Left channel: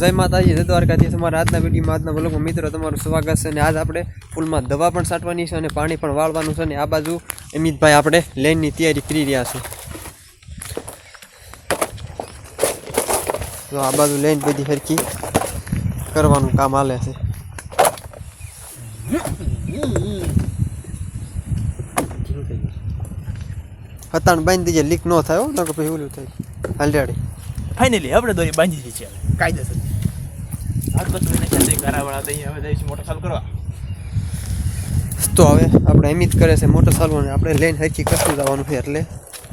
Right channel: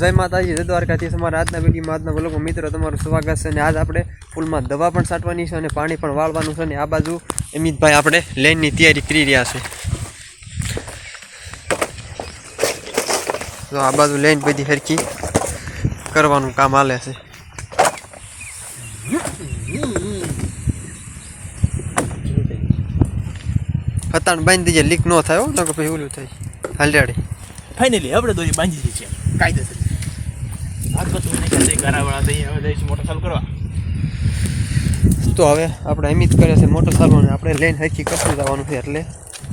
જય માતાજી, જય દ્વારકાધીશ। અમારા આજના વિડીયોમાં આજના વ્લોગમાં મિત્રો તમારું સ્વાગત છે। અને આજ આપણે ફૂલમાં દવા પણ છાંટવાની છે અને પાણી પણ વાળવાનું છે। અને આ બાજુ અમિતભાઈ આપણે લેનની તૈયારી કરી રહ્યા છે। તો આ બાજુ લેન બધી હરખી કરવાનું કામ હાલે છે। હતાણ બાંધી દીજે, લીક ન થાય હો, નકર પછી ઓલું થાય હાલડી। ફાઇનલી આપણે દોરી બાંધી દીધી છે કાયદેસર। આજ તો તમે કહે ઘરાવાળા થઈ હવે જઈશું મોટર ચાલુ કરવા। તો હવે આપણે અમિત કરે છે મોટર ચાલવાનું, આપણે લઈને હરખી કરતું જવાનું છે એટલે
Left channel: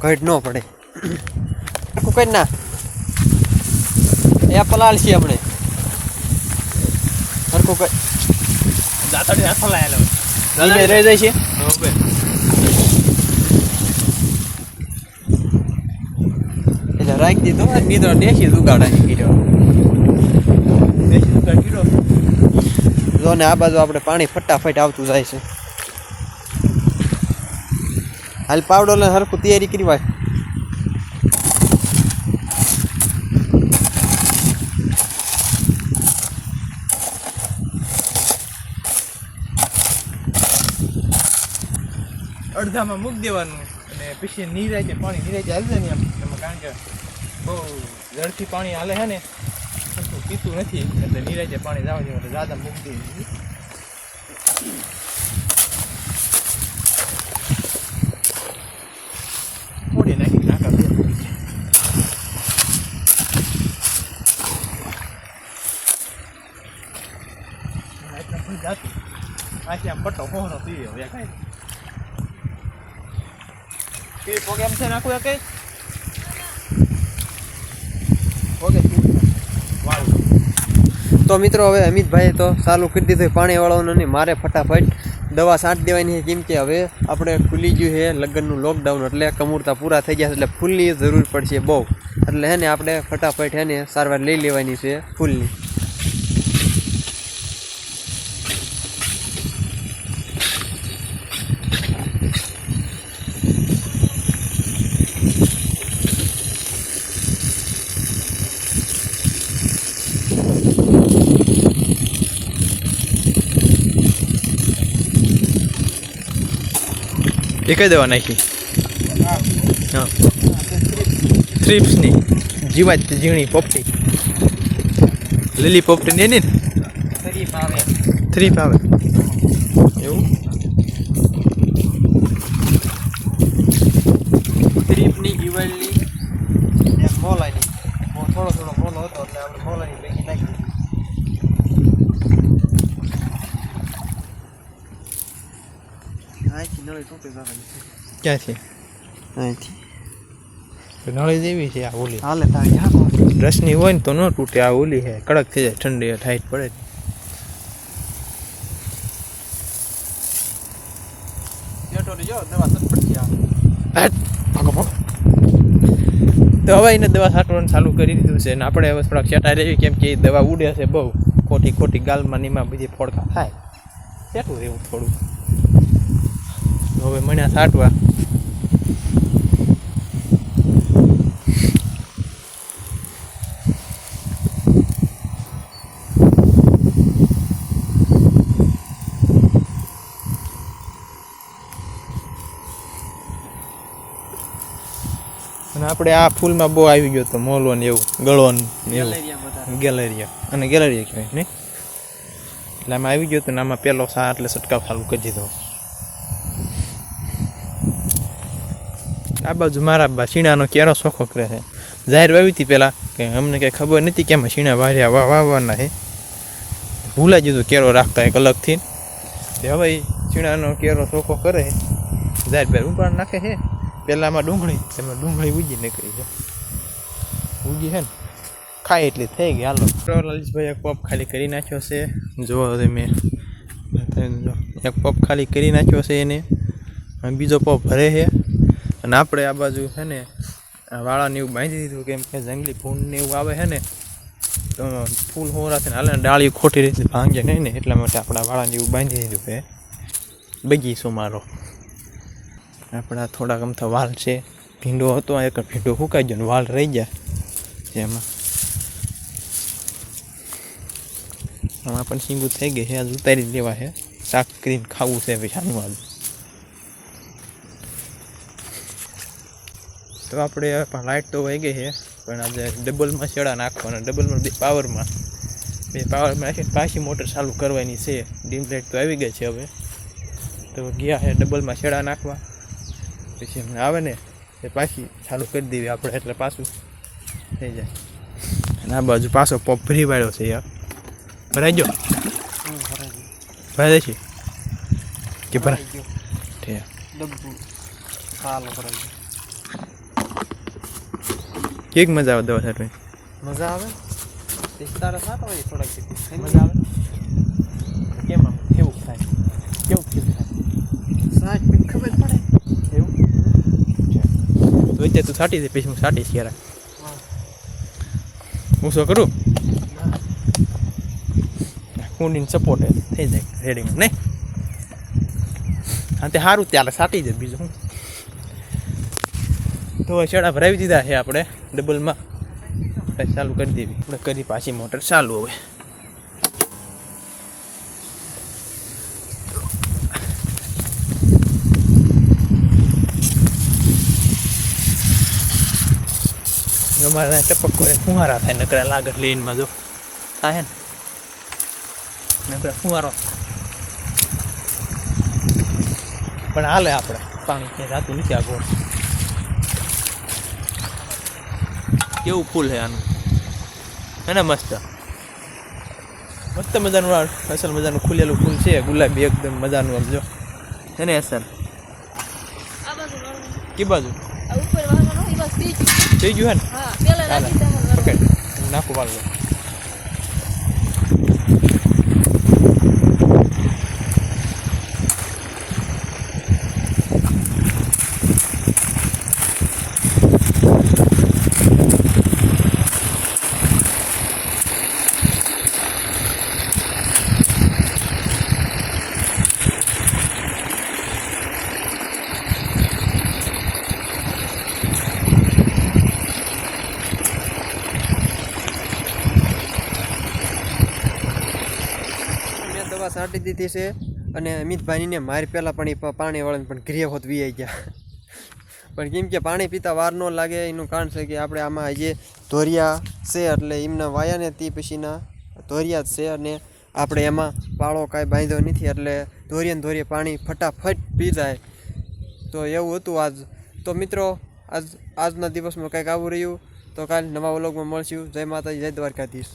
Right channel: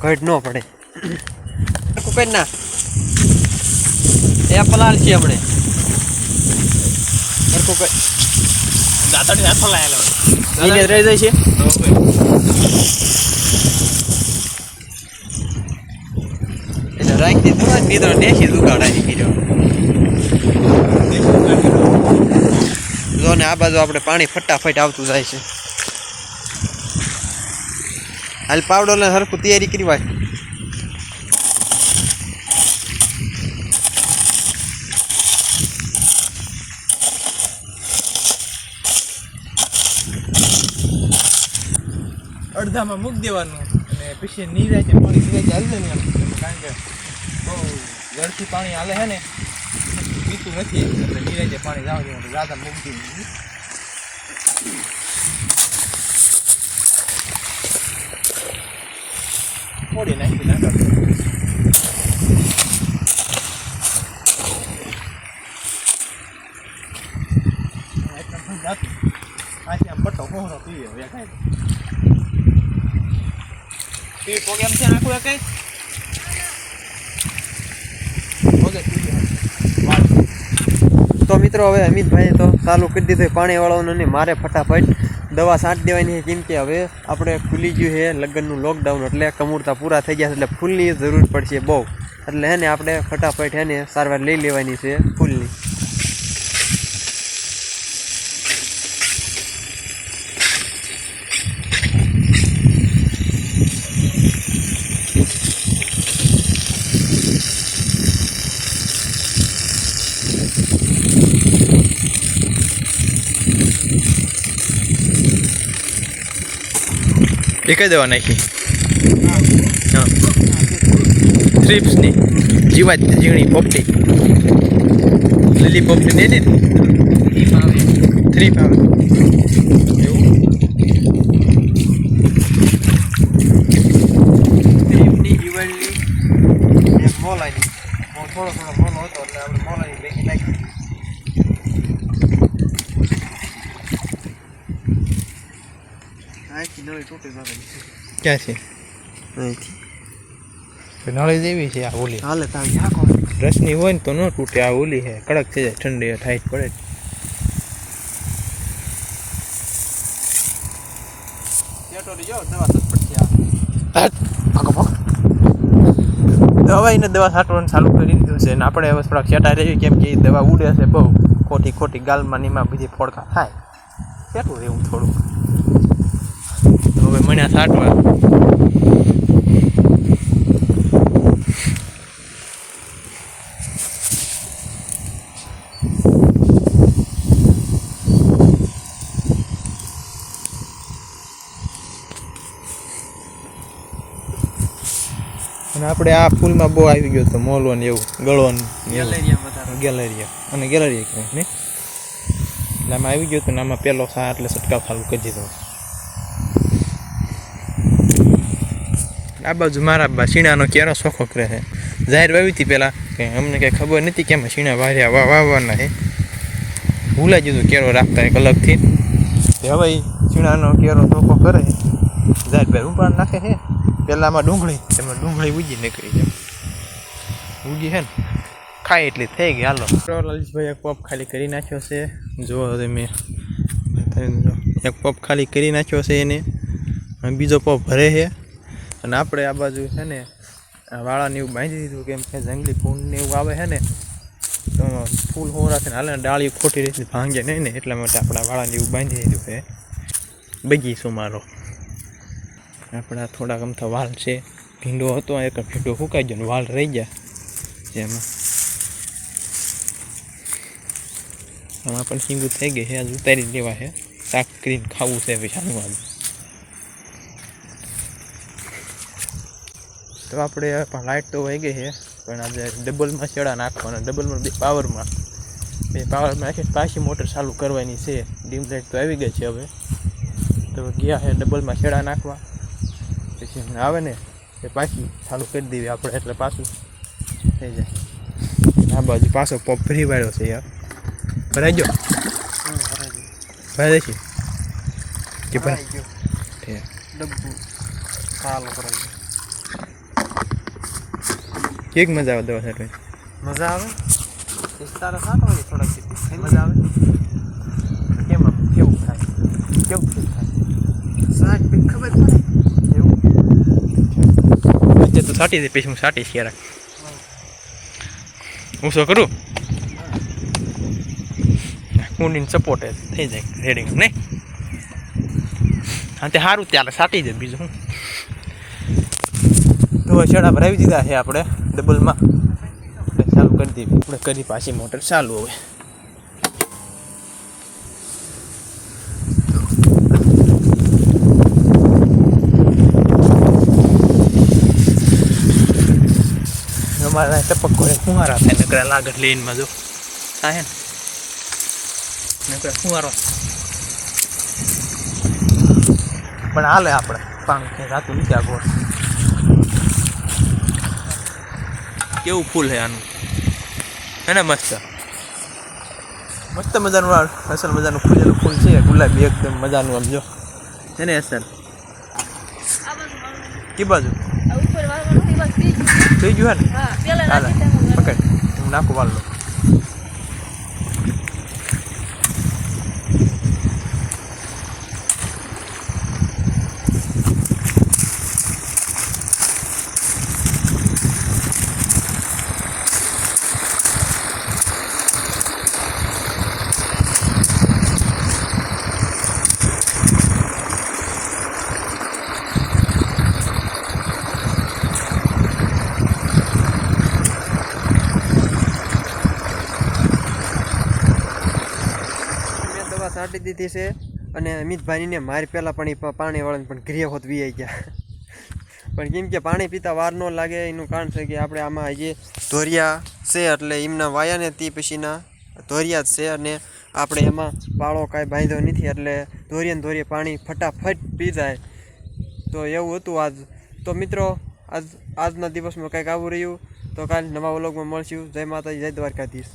ઘટ ન પડે। કઈ ના એ પલાલ છીએ આપણે હરખું કઈ દાતાડી હાથ લાયેલો એને રહી જાય છે। એટલે રાખી દીધો નીંદરો દેશી જુગાડા કર્યો જો ને। આ બાજુ આપણે પાણી ફટાફટ આવતું જાય છે। હાલ પાવડો ને હરખું તૈયારી કરી વાત। અડધામાં મૂકી દેવાનું અને પછી નીરાય છે પાણી નીરાય ચાલશે ને એમાં, કારણ કે બહુ ઝડપથી પાણી હાલે છે ને પીતું નથી એટલે નીરાય છે પાણી જવા દેવાનું ગાદા મૂકી દેવું। થોડી નાખી નાખો આથી આમ પટ્ટો કોહરો પી ગયો કાંઈ પી પ્રોગ્રામ છે નાખું કઈ ઓકે। તો મિત્રો હવે અમિતભાઈએ તો ચાલુ કરી દીધું પાણી વાળવાનું ને મારે ફટાફટ દવા છાંટી દેવાની છે। કેમ કે હવે આપણે ખુલી ગયું છે લગ્નનું લોકડાઉન, એટલે કમૂરતા પૂરા થઈ ગયા છે એટલે ફૂલની જરૂર પડશે બહુ, એટલે હે ને આપણે ફટાફટ હે ને સારવાર લઈ લેવાની છે ફૂલની। એ કઈ દવા નાખી? હા થ્રીપ્સની જીવાત ઝીણી પોપટી લીલી પોપટી ને થ્રીપ આવે એવું થ્રીપની દિવાળની એક મોલાની થોડો મોલો હતો એટલે આપણે મોલાની ભેગી નાખી। નળી તૂટી ક્યાં છે? નળી જેવી છે આ ઓલી હાલે તારી હાકો રસની હોય ને તો ન તૂટે, આ ઓલી છે કડક થઈ જાય ઠંડી ટાઈટ પડે। દવાઈને દવા છાંટવાનું ચાલુ કરી દીધું છે ને આપણે હવે થોડાક ચેટા રહેવી, કેમ કે એ દવા ઉડે છે બહુ ખોટી ગાલમાં નીમાં બધી ફોડકા થાય, કેટલું રહેવું થોડુંક। હવે મને છાંટવા અને આપણે આ ફૂલમાં બહુ આવી ગયો તો મોલો ને એવું ગળો ને ગેલેરિયા અને ગેલેરિયા કહેવાય ને, એટલે આમાં આવી ગયો તો ને આમાં પહેલો સા એટલે છંટકાવ ચાલુ કરી દીધો। આ બાજુ મારા શીણાનો કેરો શોખો કરે છે, જાહેર વાવી હતી પહેલાં કે અમને કંઈ ખબર નથી કે એમાં શીણા વાવવાના છે, ભૂલાઈ દીધું કેરો રાખતા એક અલગથી। હવે શીણાનો કેરો શોખો કરે જાહેર ભાઈ ઉપાડ નાખે છે। પહેલાં આમાં ડુંગળી ઉગી નીકળી છે, ઉગી છે ને ખાય એટલી થઈ ગઈ। હાલો લલિતભાઈ એક પપ ખાલી કરી નાખ્યો છે, જુઓ તમે એક પપ ખાલી કરી નાખ્યો છે એને, બીજો પપ ભરે છે। અને આપણે આ બાજુ છે ને વાળાને એવું બાંધી દીધું, કેમ કે જંગલી ફૂલ ને એવું આવે છે ને તો ફૂલ હોરાથી હાલે ડાળી ખોટી રીતે ભાંગે નહીં ને, એટલા માટે આપણા વાળાને એવું બાંધી દીધું છે। બગીચો મારો આપણા થોડાક અમથા વાલ છે, ભીંડો હતો એક ભીંડો સુકાઈ ગયો ને વાલ રહી ગયા એમાં આમાં પણ સીંગું થઈ ગઈ છે, આજ ઉતારી લેવા છે, શાક કરીને ખાવું છે પૈસાનું આજ. તો આપણે લાઇટ તો વહી ગઈ છે, પણ આપણે ડબલમાં શેડા નાખવાના, ડબલમાં પાવરમાં નાખીને પાછી મોટર ચાલુ કરવાની છે. ડીમ લાઇટ તો આવી ગઈ છે હવે, તો ગયા છે ડબલમાં શેડા નાખવા, પછી હમણાં આવે ને એ પાછી ચાલુ કરી દેવી આપણે, એટલે પાછું થઈ જાય. આ બાજુ પાછો પંપ ફરી વાળ્યો છે યાર, ભરાઈ ગયો, ભરાઈ દઈશું કે ભરાઈ ગયો, કેક મજા આવે દવા છાંટવાની, મજા આવે તારા સાટો હોય થોડાક મજા આવે. કેમ આમ કેવું થાય, કેવું ફીલ થાય સાટ ખબર પડે એવું? તું સાટી દે, પછી હું સાટીશ ક્યારેક. હું શું કરું, કુંડીને સપોર્ટ થઈ જાય રેડિંગ નહીં. હા તે સારું ત્યારે સાટી દે, બીજું શું. તો શેડા ભરાવી દીધા છે આપણે ડબલમાં, ચાલુ કરી દેવી આપણે, કરી પાછી મોટર ચાલુ. હવે અમારા ટપક કરે ફુવારા થાય, નકરા લાગત લેનમાં જો થાય ને નકરા ફુવારો પણ હાલે. આપણે પાણી ક્યાંય રાતું નથી. આ ગોળ કેવું ફૂલ છે આનું, હે ને મસ્ત મસ્ત મજાનું, અસલ મજાનું ખુલેલું ફૂલ છે, ગુલાબી એકદમ મજાનું. આમ જો છે ને અસલ. કે બાજુ થઈ ગયું હે ને, ચાલે પકડ, હું નાખું વાળ લો. સાટી દીધી છે, અને અમિતભાઈને મારી પહેલાં પણ એ પાણી વાળાને પણ ઘરે હોત વી આવી ગયા. પણ કેમ કે પાણી પીતા વાર ન લાગે, એનું કારણ છે કે આપણે આમાં જે ધોરિયા છે, એટલે એમના વાયા ને તે પછીના ધોરિયા જ છે, અને આપણે એમાં પાળો કાંઈ બાંધ્યો નથી, એટલે ધોરિયે પાણી ફટાફટ પી જાય. તો એવું હતું આજ. તો મિત્રો આજના દિવસમાં કંઈક આવું રહ્યું. તો કાલે નવા વ્લોગમાં મળશું. જય માતાજી, જય દ્વારકાધીશ.